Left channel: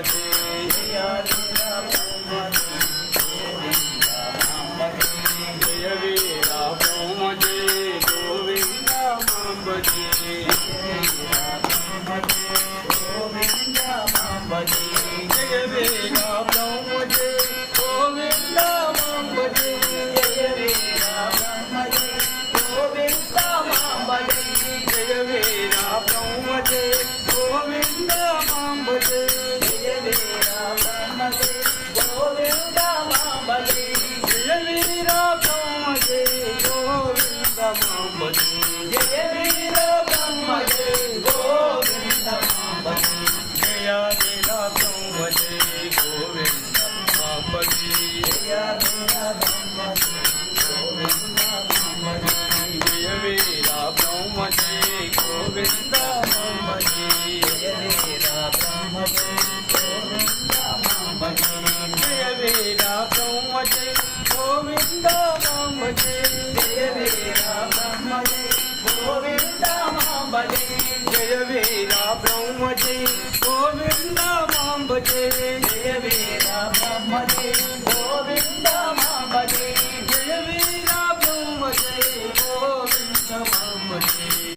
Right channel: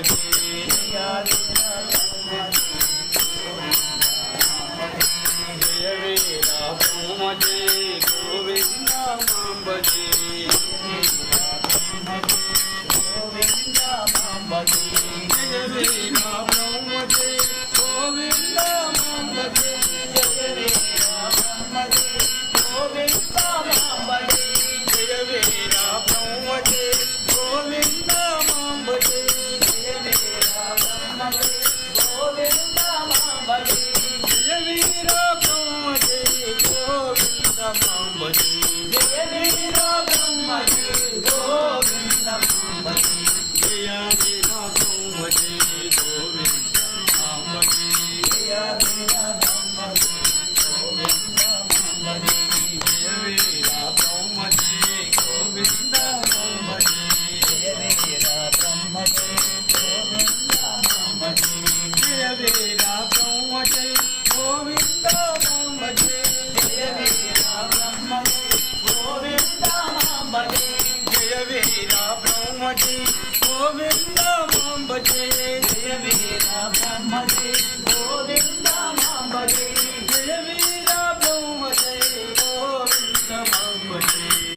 भजे जय वीरा ब्रह्मजे गोविंद मां भजे गोविंद मां भजे जय वीरा ब्रह्मजे गोविंद मां भजे जय वीरा ब्रह्मजे गोविंद मां भजे जय वीरा ब्रह्मजे गोविंद मां भजे जय वीरा ब्रह्मजे गोविंद मां भजे जय वीरा ब्रह्मजे गोविंद मां भजे जय वीरा ब्रह्मजे गोविंद मां भजे जय वीरा ब्रह्मजे गोविंद मां भजे जय वीरा ब्रह्मजे गोविंद मां भजे जय वीरा ब्रह्मजे गोविंद मां भजे जय वीरा ब्रह्मजे गोविंद मां भजे जय वीरा ब्रह्मजे गोविंद मां भजे जय वीरा ब्रह्मजे गोविंद मां भजे जय वीरा ब्रह्मजे गोविंद मां भजे